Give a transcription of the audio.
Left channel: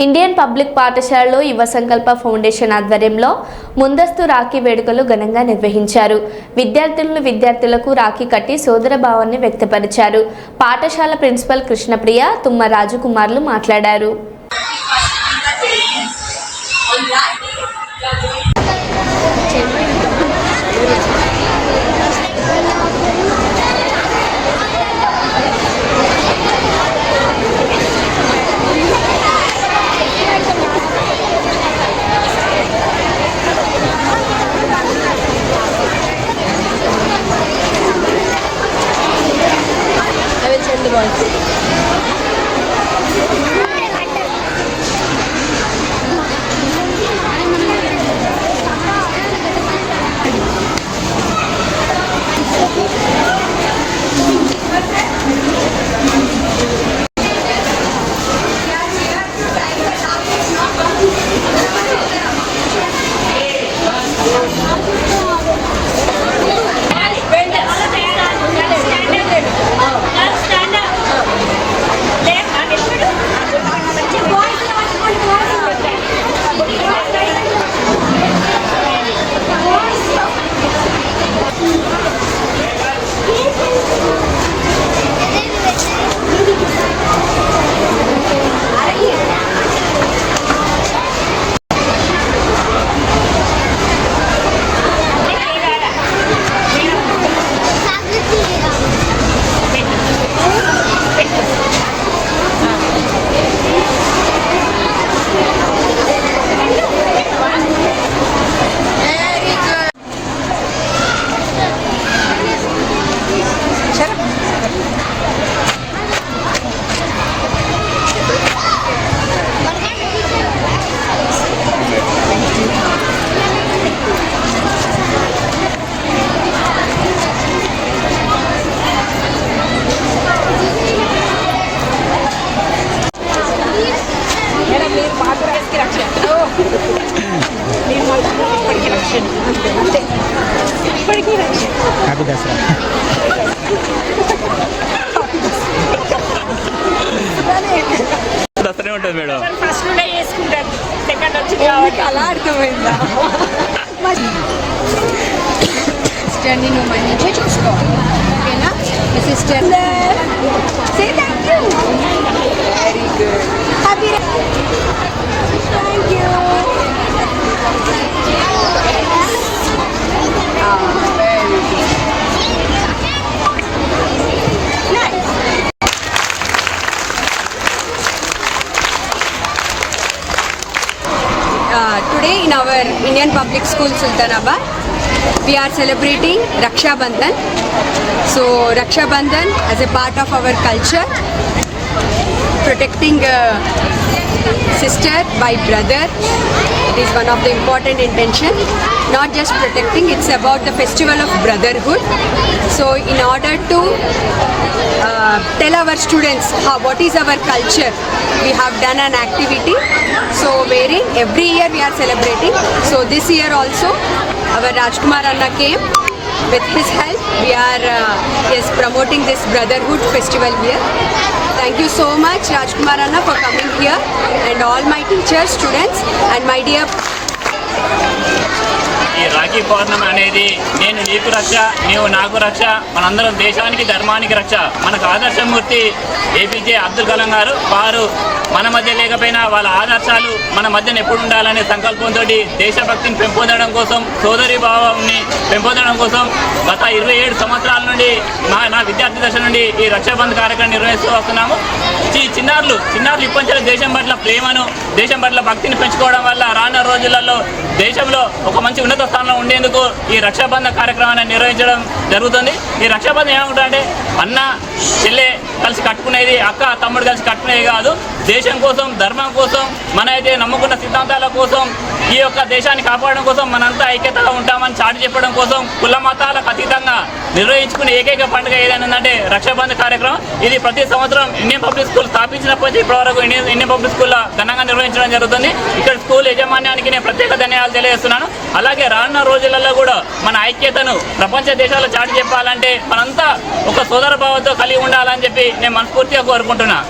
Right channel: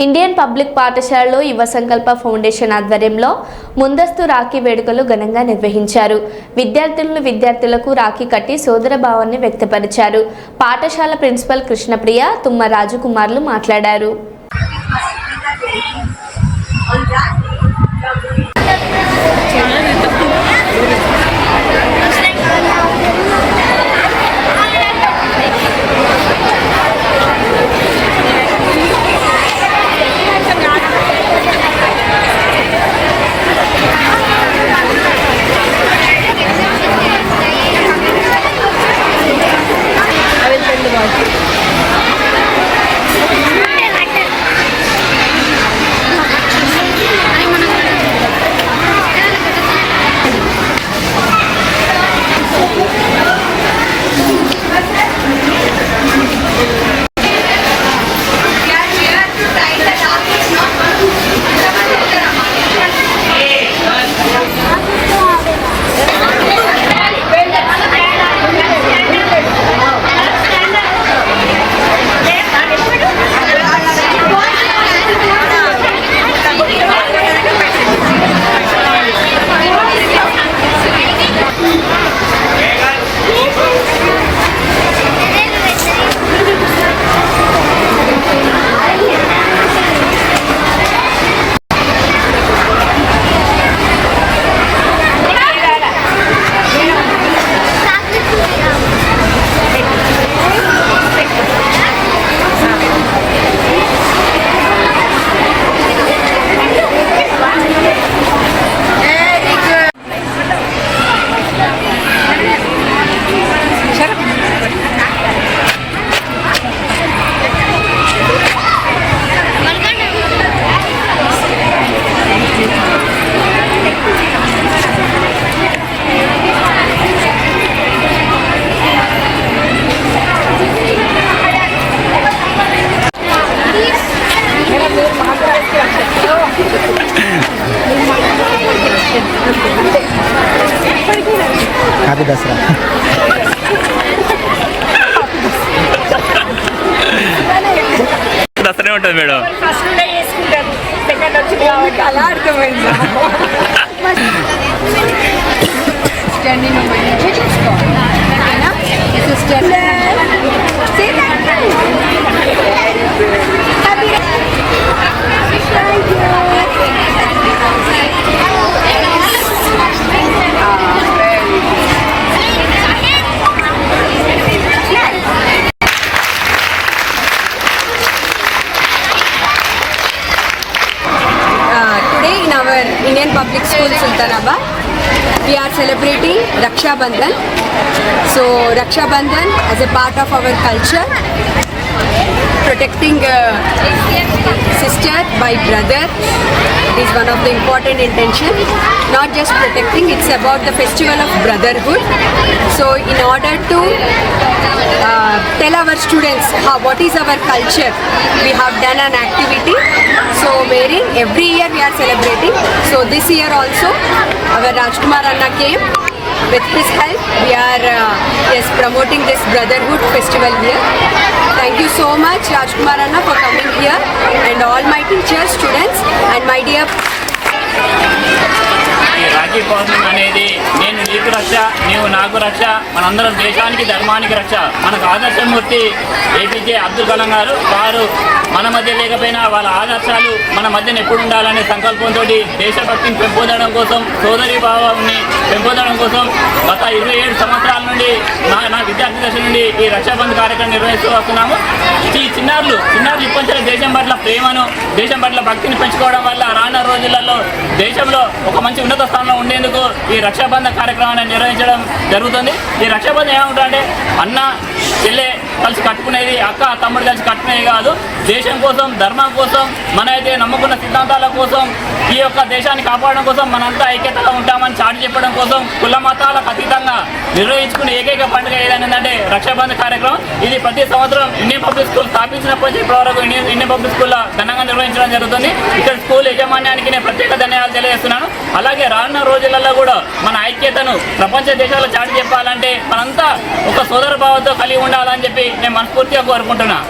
Indian public పాఠశాలలో యువ సంకల్ప ఫౌండేషన్ ఆధ్వర్యంలో ముందస్తు రాఖీ వేడుకలు ఘనంగా నిర్వహించారు. విద్యార్థులను విద్యార్థులకు రాఖీ కట్టి సోదర భావాన్ని వ్యక్తపరిచారు. పాఠశాల ప్రిన్సిపల్ కృష్ణప్రియ తుమ్మ రాజకుమార్లు మాట్లాడారు. హ్యాపీ దసరా దసరే ఉంటుంది మేడం. ఫస్ట్ నుండే చేసుకుంటారు. సెకండ్ వచ్చింది కాబట్టి అలా అర్థమైంది. చూసుకోవాలి. Our Indian Public School Sultanabad, we are celebrating Raksha Bandhan. So Raksha Bandhan as a part of our culture, protecting uh, sister by brother is one of the important intention. Not just protecting, it's about the festival of brotherhood. So in order to uh, tell our students how, what is our culture, we have done an activity. So wherein every year we are celebrating. So this year also our Rajkumar Anna came. With his help, we are uh, yes promoting this brotherhood festival here. Thank you so much, Rajkumar Anna, for coming here, and all my teachers, students, and my dear ఈ రాఖీ పౌర్ణమి అనేది నేను నీకు రక్ష నీవు నాకు రక్ష మనందరం దేశానికి ధర్మానికి రక్ష. మనకు ఆదర్శమూర్తి ఏపీజే అబ్దుల్ కలాం గారు వారు మన మధ్య లేకపోయినా వాళ్ళ ఆదర్శాలు మన మధ్యన ఎప్పుడు ఉండాలనే సంకల్పంతో దేశభక్తిని పెంపొందడం కోసం సోదరి భావాన్ని పెంపొందడం కోసం గత ఇరవై ఏడు సంవత్సరాల నుండి నా నా విద్యార్థి దశ నుండి ఈ రక్షాబంధ్ కార్యక్రమం నిర్వహిస్తూ వస్తున్నాము. ఈ చిన్నారులు చిన్నారులు ఇప్పటి దేశం పట్ల ప్రేమను దేశం పట్ల భక్తిని పెంచుకోవడం వల్ల రానున్న రోజులలో దేశంలో ఒక మంచి ఉన్నత స్థానంలో ఉండేందుకు ఈ రక్షాబంధ కార్యక్రమాన్ని నిర్వహించడం జరుగుతుంది. ఈ రక్షాబంధం ఏమంటుందంటే అన్న చెల్లె కలిసి కట్టుకునేది అక్క తమ్ముడు కలిసి కట్టుకునేది కాదు. దేశం కోసం ధర్మం కోసం మన అయితే నమ్ముకున్న సిద్ధాంతాల కోసం ఈ యొక్క దేశాన్ని కాపాడడం కోసం మనంతా ఐక్యతగా ఉంటామని చాటి చెప్పడం కోసం కుల మతాలకు అతీతంగా నిర్వహించుకునే ఏకైక పండుగ ఏదైనా రక్షాబంధ కార్యక్రమం. ఇది ప్రతి సంవత్సరం ఇండియన్ పబ్లిక్ స్కూల్ స్థాపించినప్పటి నుంచి ఇప్పటివరకు ఇండియన్ ఇండియన్ పబ్లిక్ స్కూల్లో ఘనంగా నిర్వహించడం జరుగుతుంది. ఇక్కడ స్కూల్ యజమాన్యానికి నేను ప్రత్యేక ధన్యవాదాలు తెలియజేస్తున్నాను. అలాగే రానున్న రోజులలో కూడా మన ఐక్యతను ప్రపంచ దేశాల్లో చాటి చెప్పాలంటే మనంతా ఒక సోదర భావంతో కలిగి ఉండాలని చెప్పి నేను మనస్ఫూర్తిగా కోరుకుంటున్నాను